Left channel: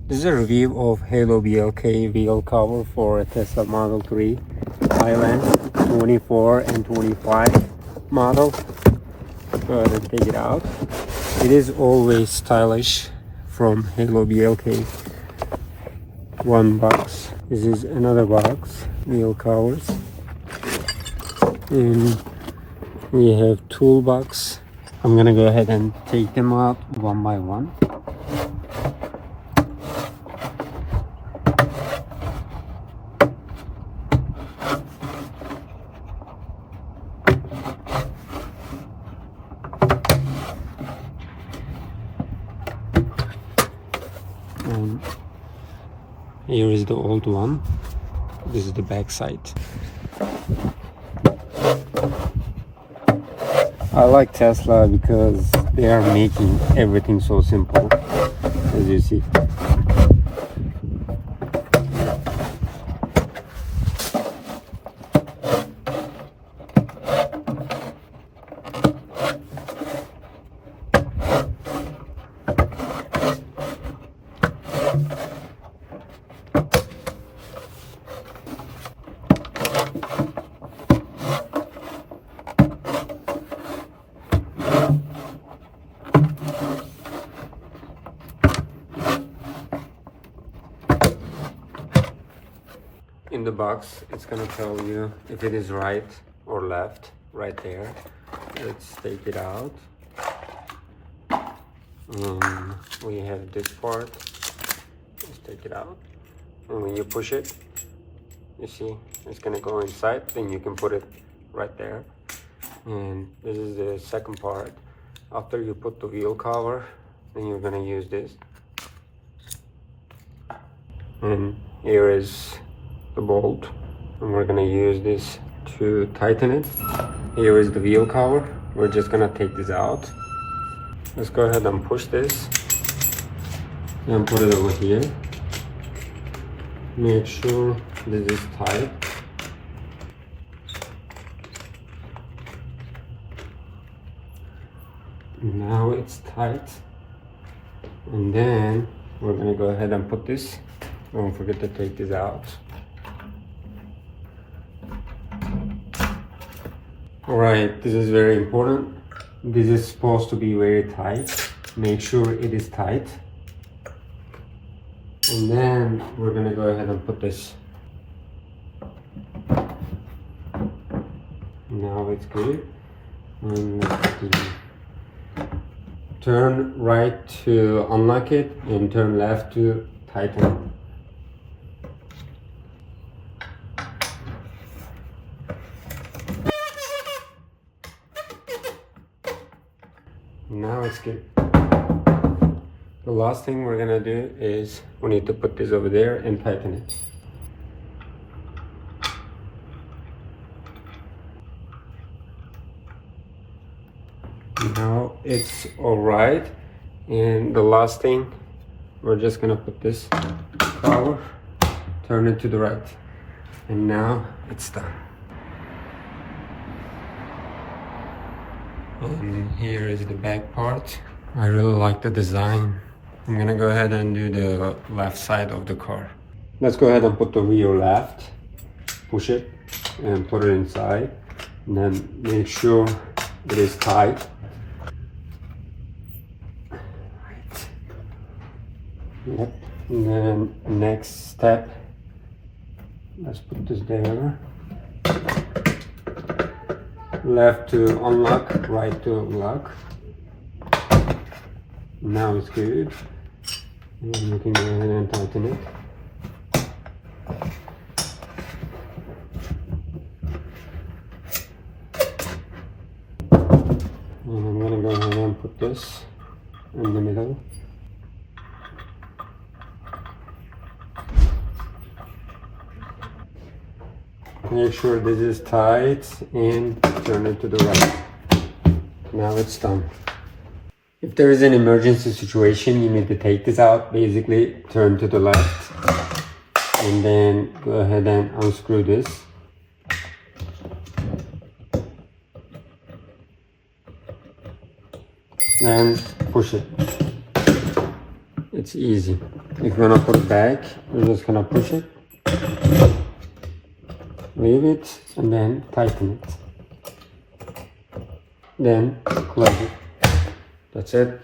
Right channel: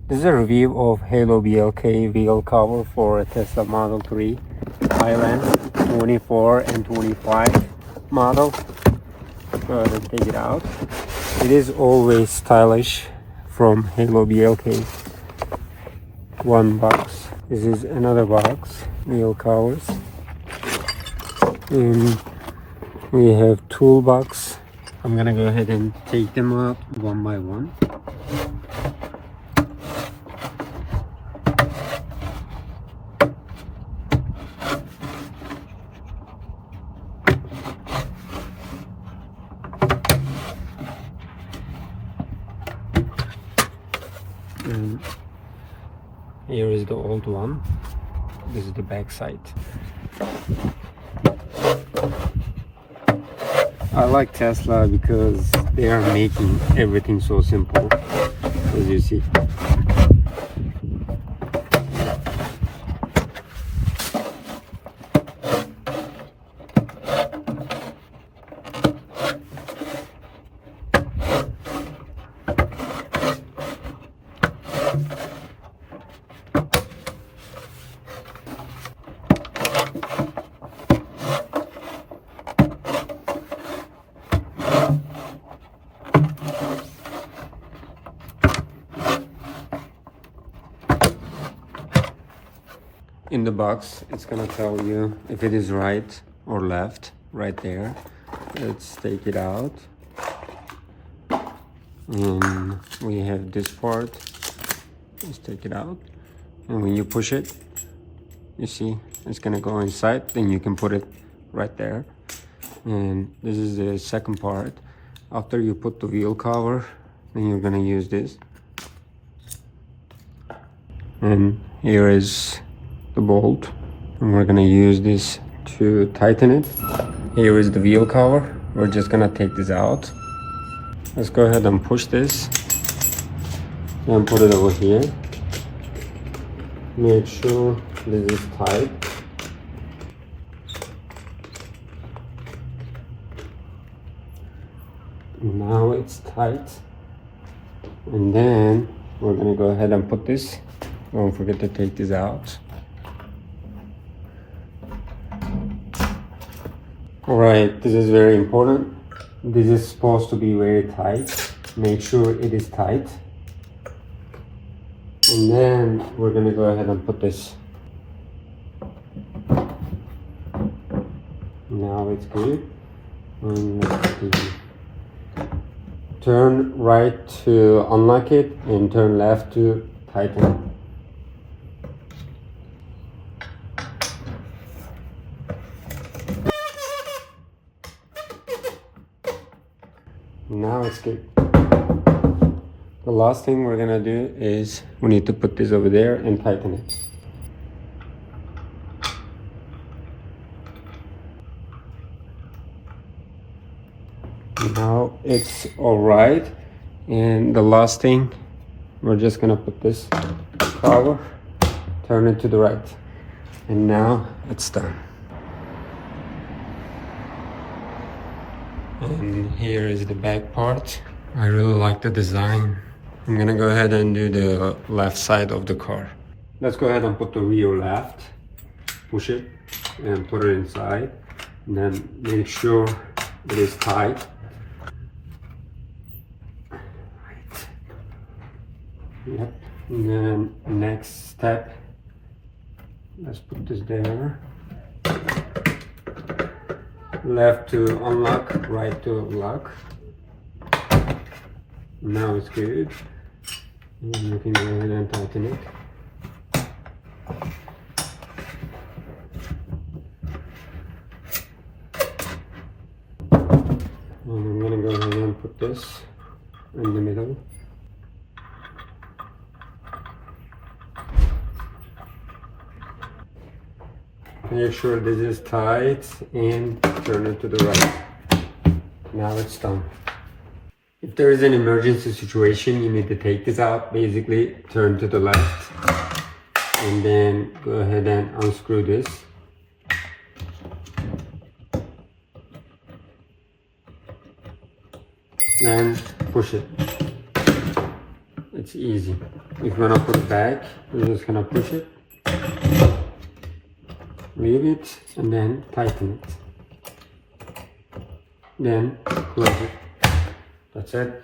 This is a review of HALOBLK wheel cover for a Tesla Model 3 Highland 24 and 25 model. Go ahead and take it out. It is always stylish from HALOBLK. One box. This is another box, wheel covers. And we have toolbox. I'm gonna go ahead and take them out one by one. And here is the old one. This is the back side. I like Tesla because they are making everything so simple, as you see. In the box, it's gonna tell you if it is right or left, right there. Let's take it out. And we have this part. Let's take it out. And when you push it, you see it's gonna go inside. Then you can put it right there. And this is the second part. After you put the wheel cover, then you're gonna use this. And here is the bolt, and we're gonna use this to tighten it. Here is the wheel cover. We're just gonna take this out. Let's go ahead and push this and put it over here. Make sure this is tight. Now it's tight, and then we're gonna go ahead and put this. Don't forget to take this out. Alright, this is very important. This is supposed to be very tight. Make sure it is tight. And then we're gonna go ahead and put this. Now it's good. And let's turn right to unlock it and turn left to tighten. Now it's good. The last thing we're gonna do is we need to put this over there and tighten it. Now it's all right. And the last thing, we're just gonna put this cover, turn it to the right. And now it's done. And here is the back part. I really like the design. I'm gonna go ahead and do the left side of the car. Let's go ahead and put the rear left, push it and put it inside, and then make sure it is tight. Yep. And then next step, let's put this there. Left to unlock, right to unlock. Now it's good. And you can go ahead and tighten it. And I'm gonna go ahead and put this in the middle. Make sure this is tight and turn it to the right. Now it's done. If there is an emergency situation, you need to take this out. Basically, turn to the left and then go ahead and unscrew this. And push it. It's easy. If you're gonna put it back, you're just gonna push it, leave it, and then tighten it. Then close it. That's it.